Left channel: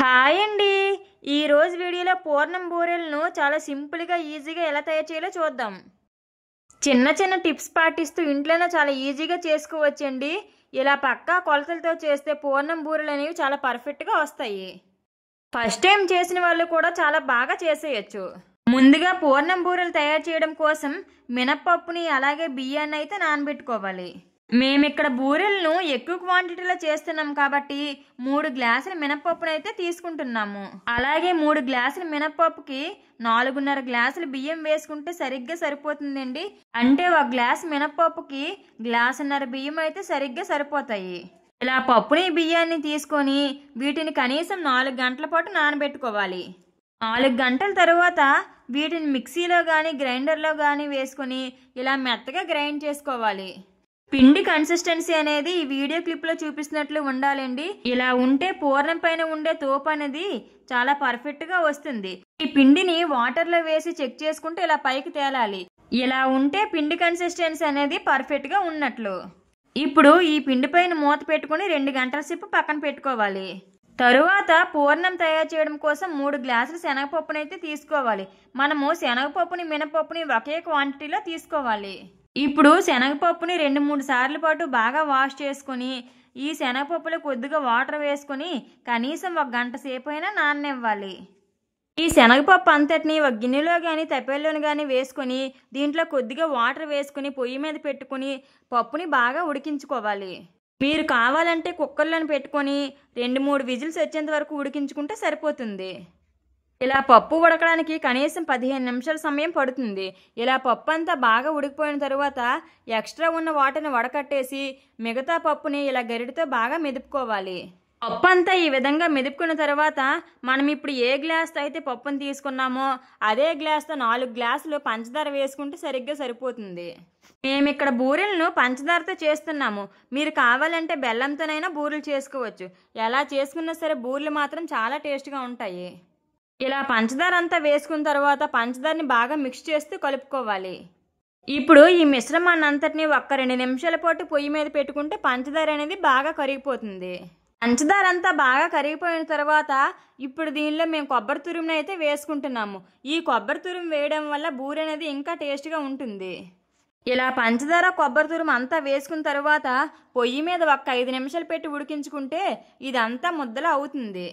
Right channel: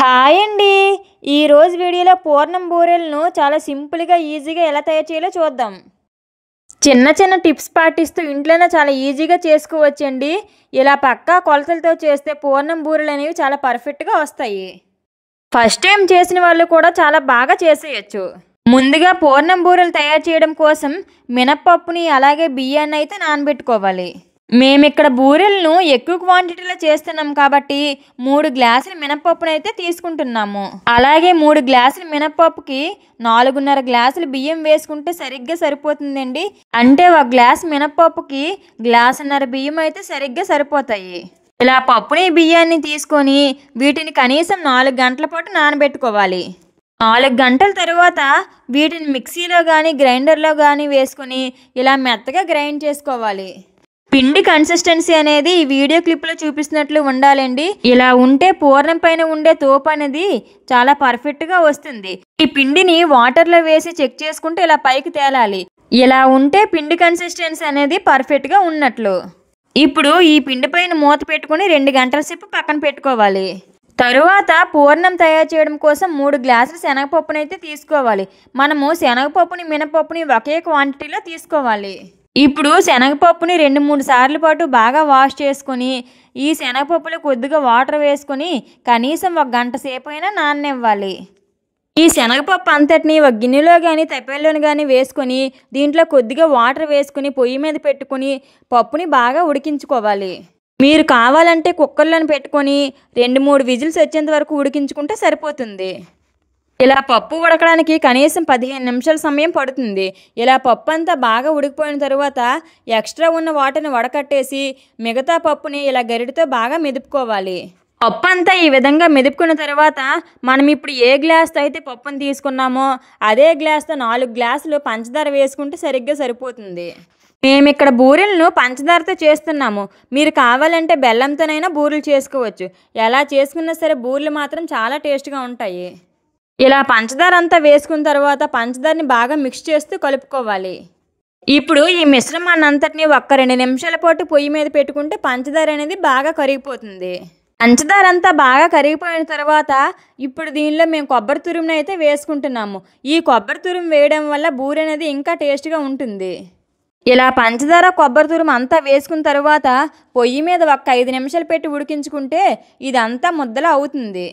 Hi అండి. ఈరోజు వీడియోలో పూర్ణం బూరెలను చాలా సింపుల్గా ఈజీగా ఎలా తయారు చేయాలో చూద్దాం. చిన్న చిన్న టిప్స్ పాటిస్తూ ఇంట్లోనే చాలా ఈజీగా చేసుకోవచ్చండి. ఇలా పక్కా కొలతలతో చేస్తే పూర్ణం బూరెలు అనేవి చాలా పర్ఫెక్ట్గా వస్తాయి. ఫస్ట్ టైం చేసిన వాళ్ళు కూడా చాలా బాగా చేసేయచ్చు. ముందుగా పూర్ణం బూరెలు తయారు చేయడం కోసం మినప్పప్పుని అలాగే బియ్యాన్ని అయితే నానబెట్టుకోవాలి. మేమిక్కడ బూరెలను ఎక్కువ క్వాంటిటీలో చేస్తున్నాం కాబట్టి 3 గ్లాసుల మినపప్పునైతే తీసుకుంటున్నాము. అలాగే 3 గ్లాసుల మినపప్పుకి 4.5 గ్లాసులు బియ్యం వేసుకుంటే సరిగ్గా సరిపోతుందండి. అంటే 1 గ్లాస్ మినపప్పుకి గ్లాసున్నర బియ్యం అయితే సరిగ్గా సరిపోతాయి. ఇలా పప్పుని బియ్యాన్ని తీసుకొని వీటిని కనీసం 4 గంటల పాటు నానబెట్టుకోవాలి. 4 గంటల తర్వాత వీటిని మిక్సీలో కానీ గ్రైండర్లో కానీ వేసుకొని ఇలా మెత్తగా గ్రైండ్ చేసుకోవాలి. పిండి కన్సిస్టెన్సీ అనేది ఈ వీడియో క్లిప్లో చూపిస్తున్నట్లు ఉండాలండి. ఇలా ఉంటే పూర్ణం పైన ఉండే తోపు అనేది చాలా పర్ఫెక్ట్గా వస్తుంది. ఈ పిండిని వాటర్లో వేసి చెక్ చేసుకుంటే ఇలా పైకి తేలాలి. ఇలా ఉంటే పిండి కన్సిస్టెన్సీ అనేది పర్ఫెక్ట్గా ఉన్నట్లు. ఇప్పుడు ఈ పిండి పైన మూత పెట్టుకుని 2 గంటల సేపు పక్కన పెట్టుకోవాలి. తరువాత పూర్ణం తయారు చేయడం కోసం 3 గ్లాసుల శనగపప్పునైతే తీసుకోవాలి. మనము శనగపప్పుని మినపప్పుని ఒకే క్వాంటిటీలో తీసుకోవాలి. ఇప్పుడు శనగపప్పుని 2-3 సార్లు పాటు బాగా వాష్ చేసుకొని ఈ శనగపప్పులో కొద్దిగా వాటర్ వేసుకొని కనీసం 1 గంట సేపు అయినా నాననివ్వాలి. ఈ శనగపప్పు అంతటిని ఒక గిన్నెలో కానీ తప్పెల్లోని కానీ వేసుకొని దీంట్లో కొద్దిగా వాటర్ వేసుకొని పొయ్యి మీద పెట్టుకొని పప్పుని బాగా ఉడికించుకోవాలి. మీరు కావాలంటే కుక్కర్లోని పెట్టుకొని 2-3 విజిల్స్ వచ్చేంత వరకు ఉడికించుకుంటే సరిపోతుంది. ఇలా పప్పు ఉడకడానికి కనీసం 15 నిమిషాల సమయం పడుతుంది. ఇలా పప్పు అంతా బాగా ఉడికిపోయిన తర్వాత ఎక్స్ట్రా ఉన్న వాటర్ని వడకట్టేసి మిగతా పప్పుని ఇలా గరిటెతో బాగా మెదుపుకోవాలి. పప్పు అంతా ఈ విధంగా మెదుపుకున్న తర్వాత మనం ఇప్పుడు ఏ గ్లాస్తో అయితే పప్పుని తీసుకున్నామో అదే గ్లాస్తో 4 గ్లాసులు పంచదార వేసుకుంటే సరిగ్గా సరిపోతుంది. మేము ఇక్కడ బూరెలను పంచదారతో చేస్తున్నాము. మీరు కావాలంటే బెల్లంతోనైనా బూరెలు చేసుకోవచ్చు. ఎలా చేసుకున్నా సరే బూరెలు మాత్రం చాలా టేస్ట్గా ఉంటాయి. ఇలా పంచదార అంతా వేసుకున్న తర్వాత పంచదారని బాగా మిక్స్ చేస్తూ కలుపుకోవాలి. ఇప్పుడు ఈ మిశ్రమాన్ని అంతటిని 1-2 నిమిషాల పాటు పొయ్యి మీద పెట్టుకుంటే పంచదార అనేది బాగా కరిగిపోతుంది. పంచదార అంతా బాగా కరిగిపోయిన తర్వాత ఇప్పుడు దీనిలో మేము కొబ్బరి తురుముని అయితే వేసుకుంటున్నాము. ఈ కొబ్బరి తురుము వేయడం వల్ల బూరె అనేది ఇంకా టేస్ట్గా ఉంటుంది. ఇలా పంచదార కొబ్బరి తురుము అంతా వేసుకున్న తర్వాత పొయ్యి మీద 5 నిమిషాలు పెట్టి ఉడికించుకుంటే ఇదంతా ముద్దలా అవుతుంది.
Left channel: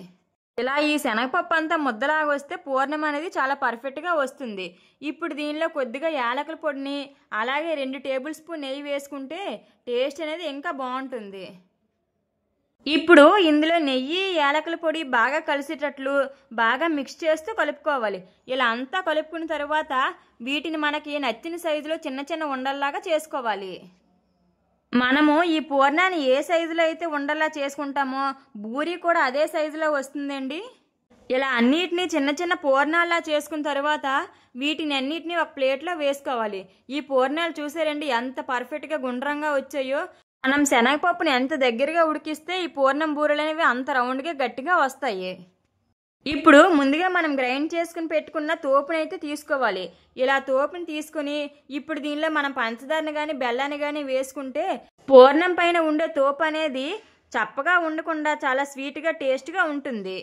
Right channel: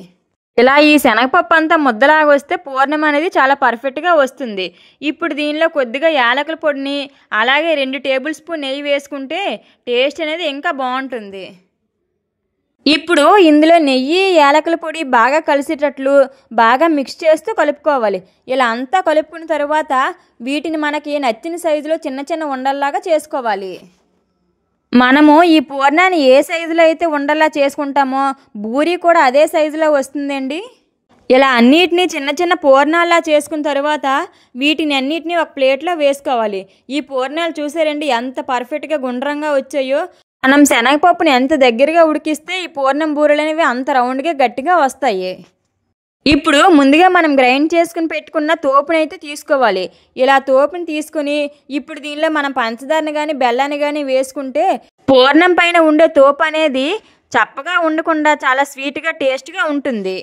ఇలా ఈ శనగపప్పు అంతా ముద్దలాగా వస్తే పూర్ణం అనేది చాలా పర్ఫెక్ట్గా వస్తుంది. ఇప్పుడు దీనిలో కొద్దిగా యాలకుల పొడిని అలాగే 2 టేబుల్ స్పూన్ నెయ్యి వేసుకుంటే టేస్ట్ అనేది ఇంకా బాగుంటుంది. ఇప్పుడు ఇందులో నెయ్యి యాలకుల పొడి బాగా కలిసేటట్లు బాగా మిక్స్ చేస్తూ కలుపుకోవాలి. ఇలా అంతా కలుపుకున్న తర్వాత వీటిని మనకి నచ్చిన సైజులో చిన్న చిన్న ఉండల్లాగా చేసుకోవాలి. మనము ఈ పూర్ణాన్ని ఏ సైజులో అయితే ఉండలా చేసుకుంటామో బూరి కూడా అదే సైజులో వస్తుందండి. ఇలా అన్నిటినీ చిన్న చిన్న పూర్ణాల్లా చేసుకున్న తర్వాత వీటిని అన్నిటినీ ఒక ప్లేట్లో వేసుకోవాలి. ఈ పూర్ణాలు చూసారండి ఎంత పర్ఫెక్ట్గా గుండ్రంగా వచ్చాయో. మనం శనగపప్పుని ఎంత దగ్గరగా ఉడికిస్తే ఈ పూర్ణం బూరెలు అనేవి అంత రౌండ్గా గట్టిగా వస్తాయి. ఇప్పుడు ముందుగా మనం గ్రైండ్ చేసుకుని పెట్టుకున్న తోపుని అయితే తీసుకోవాలి. ఇలా తోపుని తీసుకుని ఇప్పుడు దీనిలో మనం పంచదారని కానీ బెల్లాన్ని కానీ వేసుకుంటే పూర్ణం పైన ఉండే తోపు అనేది చప్పగా ఉండకుండా చాలా స్వీట్గా టేస్ట్గా ఉంటుంది.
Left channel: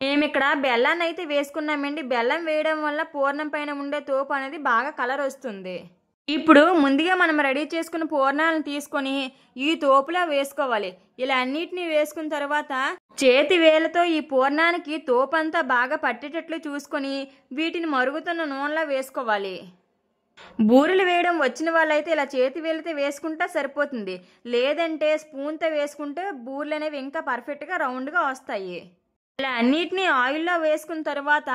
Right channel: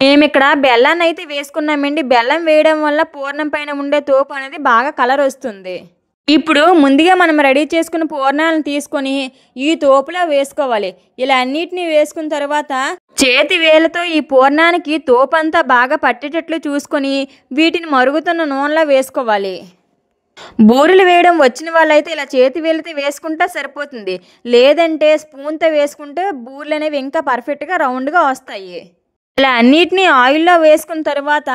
మేము ఇక్కడ బెల్లాన్ని అయితే వేసుకున్నామండి. బెల్లం వేయడం వల్ల పూర్ణం పైన ఉండే తోపు అనేది బాగా కలర్ వస్తుంది. ఇప్పుడు ముందుగా మనం రెడీ చేసుకున్న పూర్ణాలను తీసుకొని ఈ తోపులో వేసుకోవాలి. ఇలా అన్నిటినీ వేసుకున్న తర్వాత చేతి వేలతో ఈ పూర్ణానికి తోపంతా బాగా పట్టేటట్లు చూసుకొని వీటిని మరుగుతున్న నూనెలో వేసుకోవాలి. బూరెలు వేయడం వచ్చిన వాళ్ళైతే ఇలా చేతి వేలతో వేసుకుంటే సరిపోతుంది. లేదంటే స్పూన్తో వేసుకుంటే బూరెలు అనేవి ఇంకా పర్ఫెక్ట్గా రౌండ్గా వస్తాయి. ఇలా అన్నిటినీ ఆయిల్లో వేసుకున్న తర్వాత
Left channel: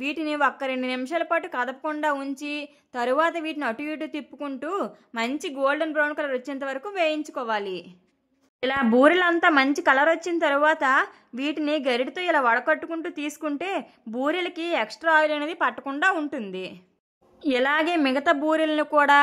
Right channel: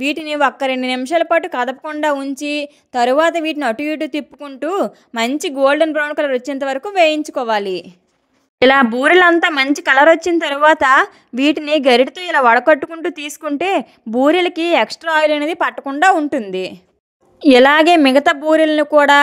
వీటిని 1-2 నిమిషాల పాటు కదపకుండా ఉంచి తరువాత వీటిని అటు ఇటు తిప్పుకుంటూ మంచి గోల్డెన్ బ్రౌన్ కలర్ వచ్చేంత వరకు వేయించుకోవాలి. ఇలా బూరెలంతా మంచి కలర్ వచ్చిన తర్వాత వీటిని గరిటెతో ఇలా వడకట్టుకుంటూ తీసుకుంటే బూరెలకి ఎక్స్ట్రా ఆయిల్ అనేది పట్టకుండా ఉంటుంది. ఇలాగే మిగతా బూరెలను కూడా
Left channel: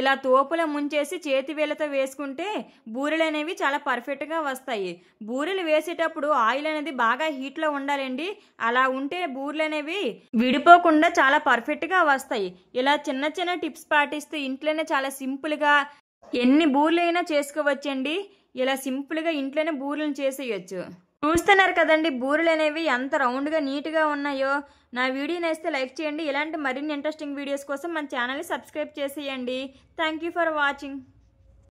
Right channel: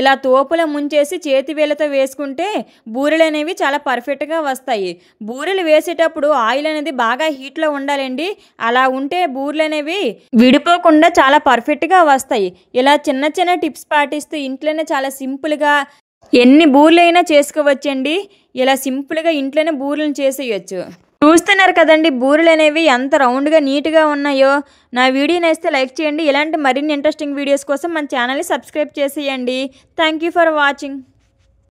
ఇలా తోపులో ముంచేసి చేతి వేలతో వేసుకుంటే బూరెలు అనేవి చాలా పర్ఫెక్ట్గా వస్తాయి. బూరెలు వేసేటప్పుడు ఆయిల్ అనేది బాగా హీట్లో ఉండాలండి. అలా ఉంటే బూరెలు అనేవి విడిపోకుండా చాలా పర్ఫెక్ట్గా వస్తాయి. ఇలా చిన్న చిన్న టిప్స్ పాటిస్తూ ఇంట్లోనే చాలా సింపుల్గా ఎన్ని బూరెలు అయినా చేసుకోవచ్చండి. ఇలా సింపుల్గా ఇంట్లోనే బూరెలను చేసేయచ్చు. చూస్తున్నారు కదండి బూరెలు అనేవి ఎంత రౌండ్గా నీట్గా ఉన్నాయో. నా వీడియో నచ్చితే లైక్ చేయండి. ఇలాంటి మరిన్ని ఇంట్రెస్టింగ్ వీడియోస్ కోసం మన ఛానల్ని సబ్స్క్రైబ్ చేసేయండి. Thank you for watching.